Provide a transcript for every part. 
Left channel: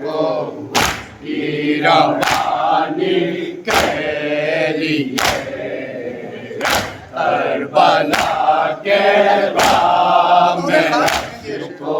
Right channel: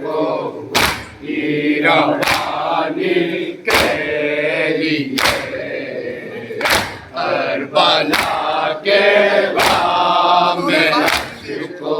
को गिरवाने के लिए करबला के बाम में को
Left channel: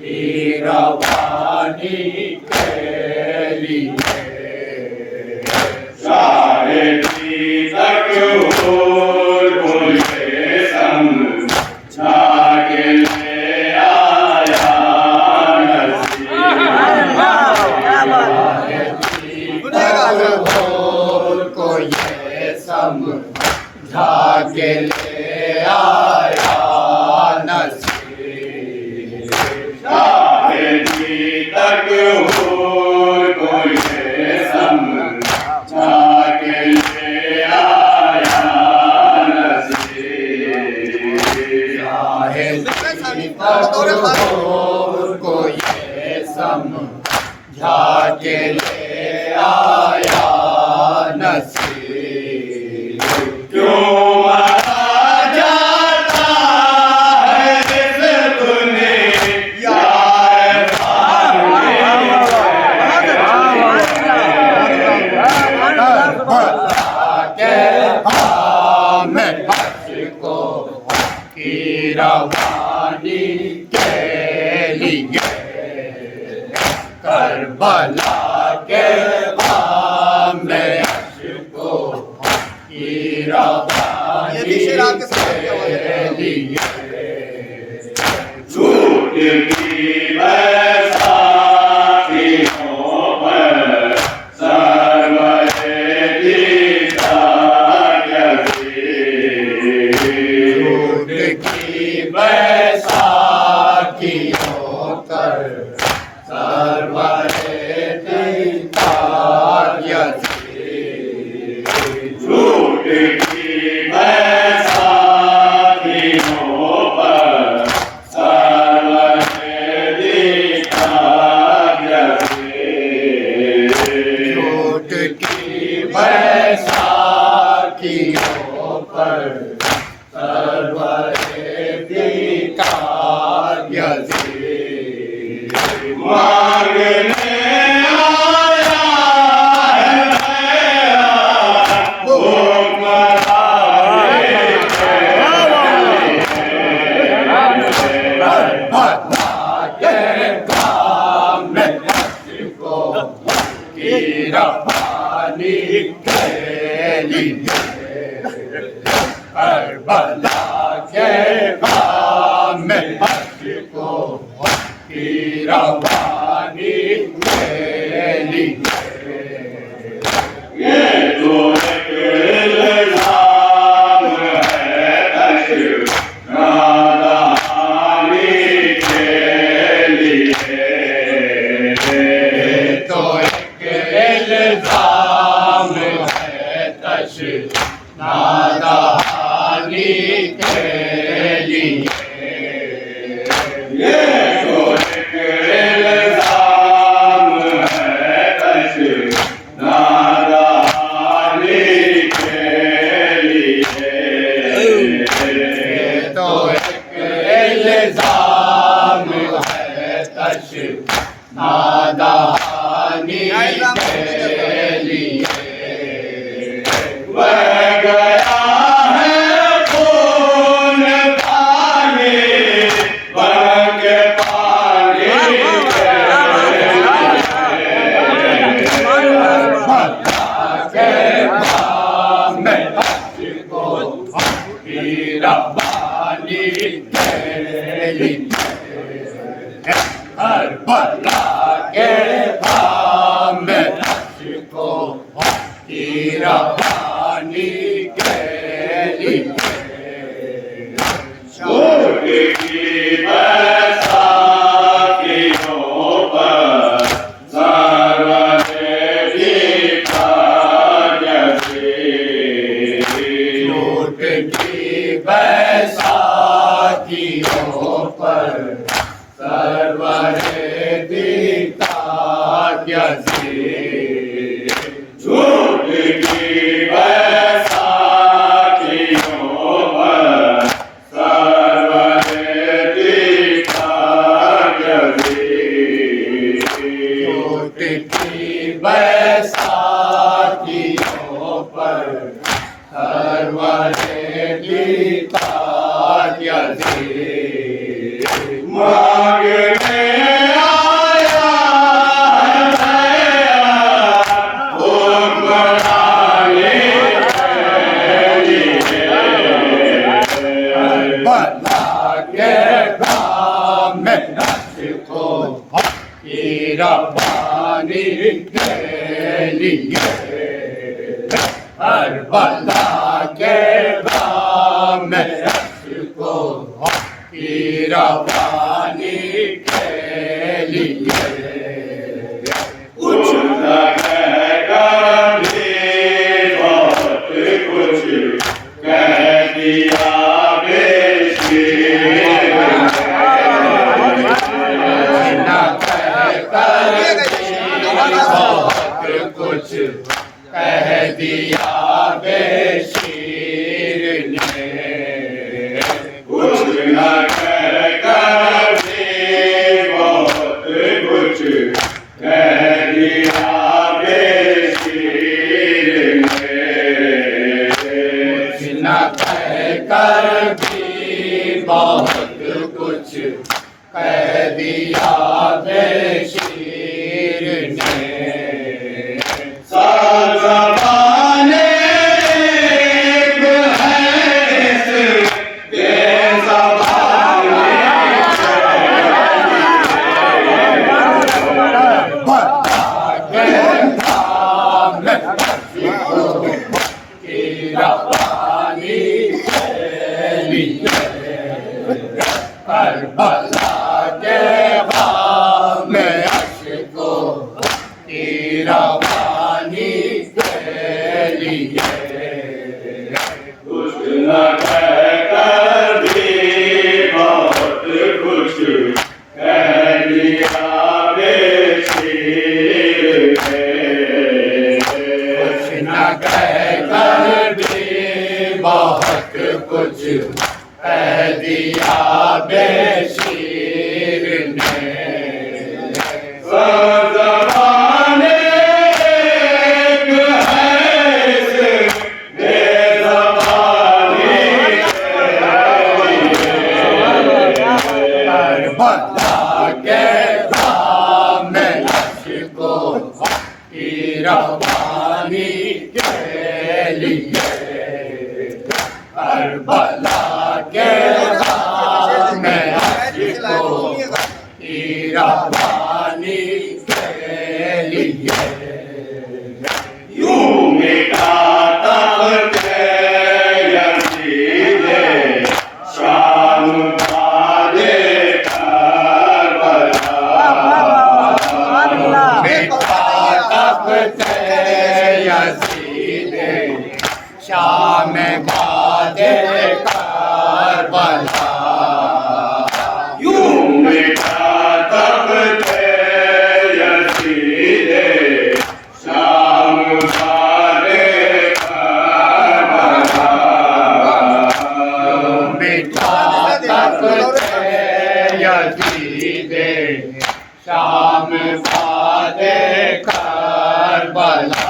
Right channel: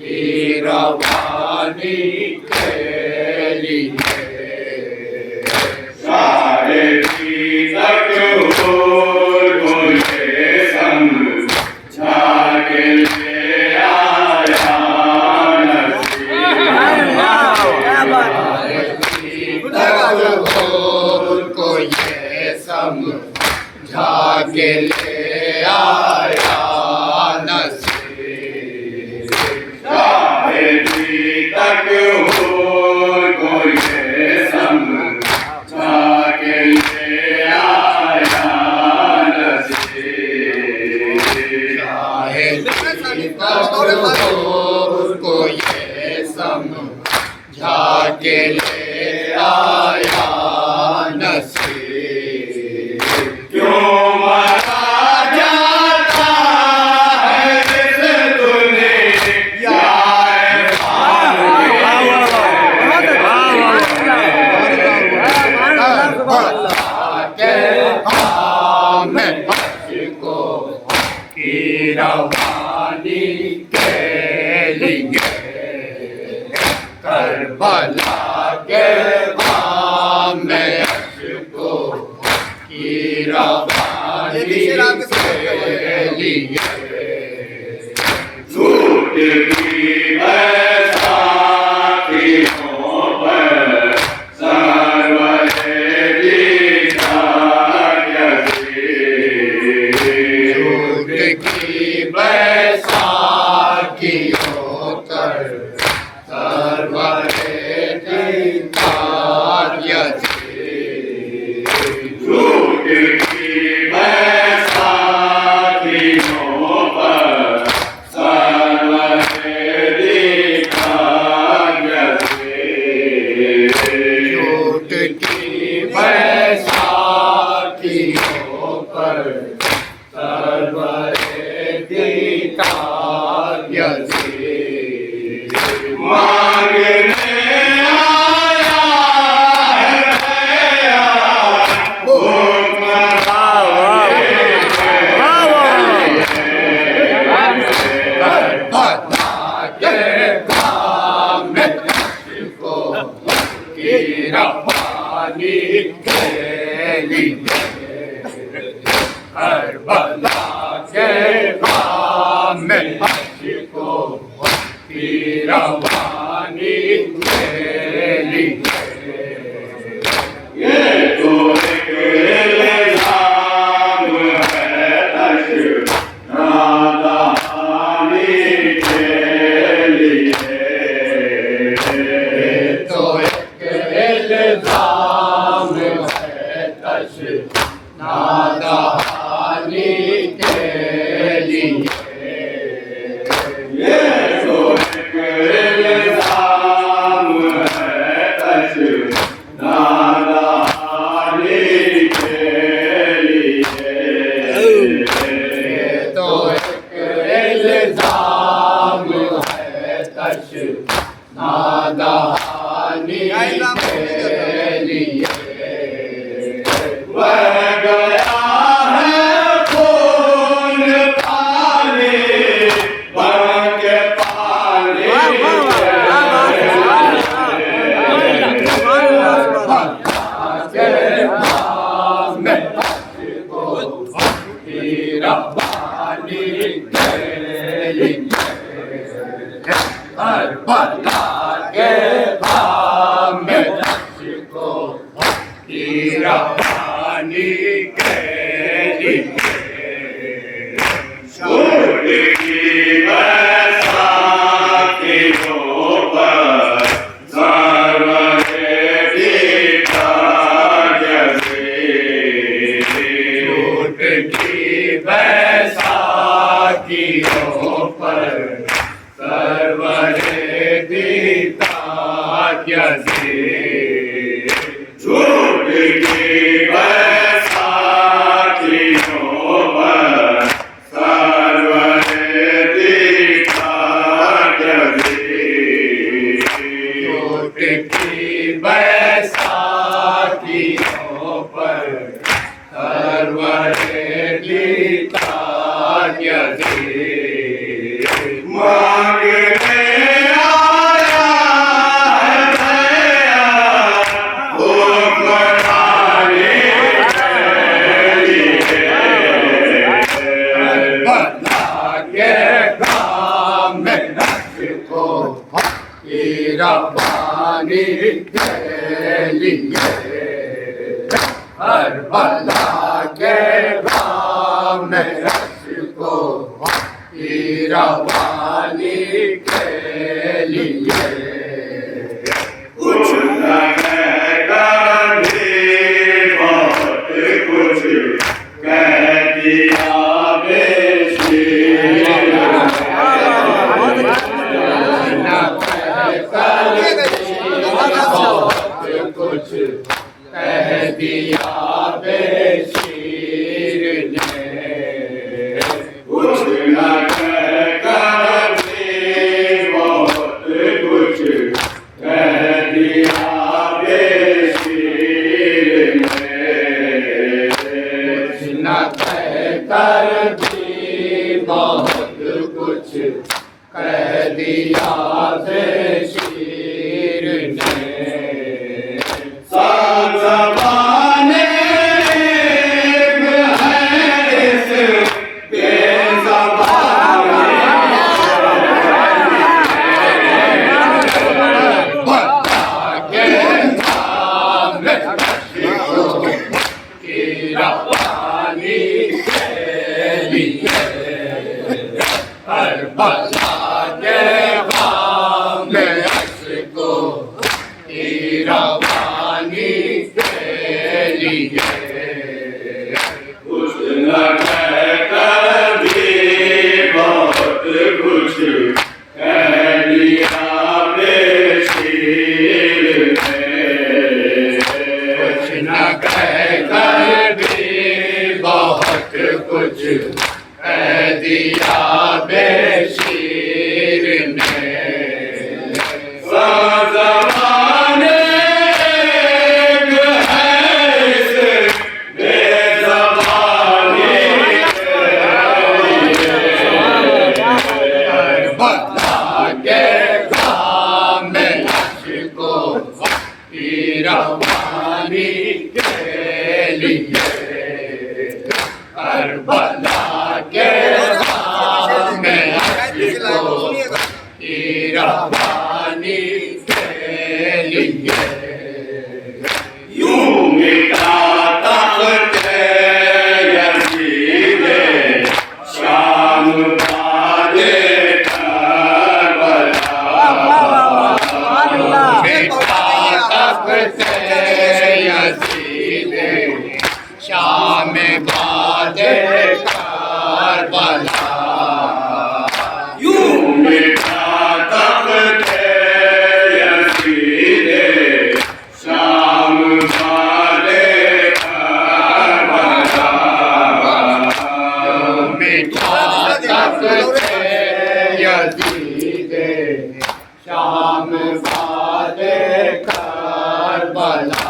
गिरवाने के लिए सारे तक बोल के समझा के को ये समझा के ले आया नसीब शायरी तक हो को ये समझा के ले आया नसीब शायरी तक हो को ये समझा के ले आया नसीब क्यों मारा जाता है इस दुनिया के में को की रवानी के लिए करबला के में को की रवानी के लिए झूठ की बैसाखियों पर सर्वहेली झूठ की बैसाखियों पर सर्वहेली झूठ की बैसाखियों पर सर्वहेली झूठ की बैसाखियों पर सर्वहेली मांगने रवानी के लिए करबला के बाम में को की रवानी के लिए ये तो एक इल्जाम है नादानी के लिए तो इल्जाम है नादानी के लिए ये तो एक इल्जाम है नादानी के लिए तो एक इल्जाम है नादानी के लिए वह गया है खून पानी बन के पानी के में को की रवानी के लिए करबला के बाम में को की रवानी के लिए झूठ की बैसाखियों पर सर्वहेली झूठ की बैसाखियों पर सर्वहेली झूठ की बैसाखियों पर सर्वहेली में अशको की रवानी के लिए करबला के राम में अशको की रवानी के लिए कुछ कहेगा भी बहुत कुछ कह दिया बेशी बहुत कुछ कह दिया बेशीर ने कुछ न कहकर भी बहुत कुछ कह दिया बेशीर ने कुछ न कहकर भी बहुत कुछ कह दिया बेशीर ने ज़बाने है इस बेज़बाने बता के नाम की रवानी के लिए करबला के राम में अशको की रवानी के लिए कुछ न कहकर भी बहुत कुछ कह दिया बेशीर ने कुछ न कहकर भी बहुत कुछ कह दिया बेशीर ने ज़बाने है इस बेज़बाने के लिए करबला के राम में अशको की रवानी के लिए करबला के राम में अशको की रवानी के लिए यूं मिटाता थे यज़ीद शाम बादे करबला मिटाता थे यज़ीद शाम बादे करबला यूं मिटाता थे यज़ीद शाम बादे करबला मिटाता थे यज़ीद शाम बादे करबला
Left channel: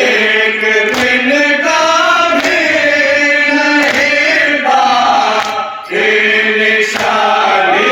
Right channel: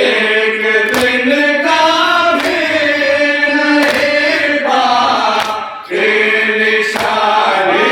एक दिन का भी नहीं बाकी निशानी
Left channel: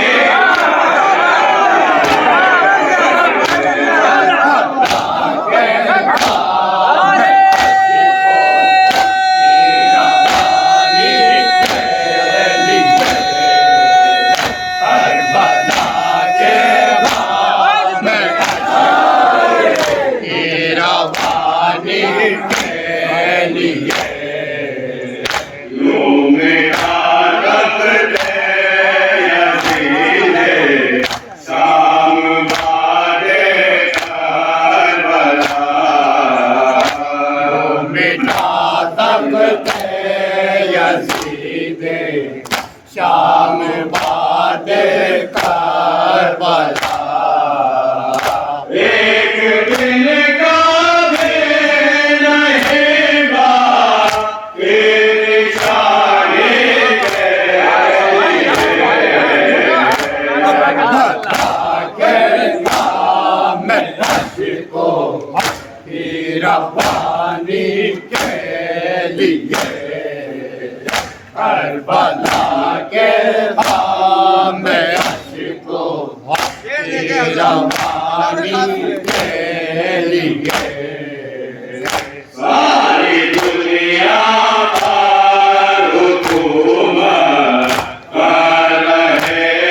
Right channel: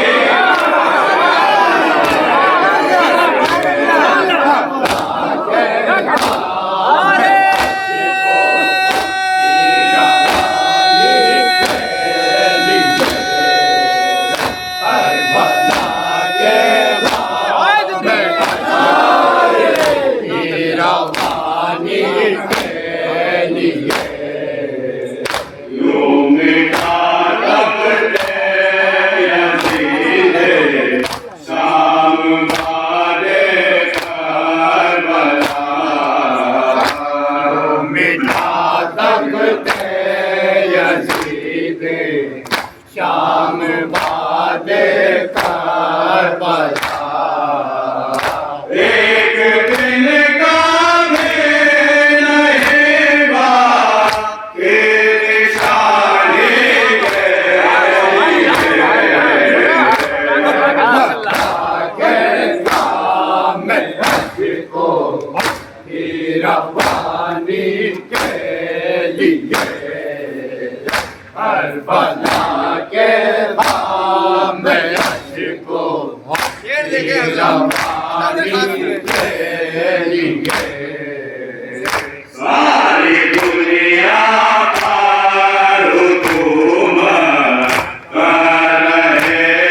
शाम बादे करबला एक दिन का भी नहीं बाकी निशानी के काम में अशको की रवानी के लिए करबला के राम में अशको की रवानी के लिए सारी दुनिया पर हुकूमत कर रहे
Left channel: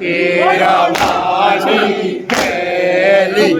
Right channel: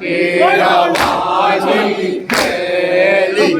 કેળવવાની હેલી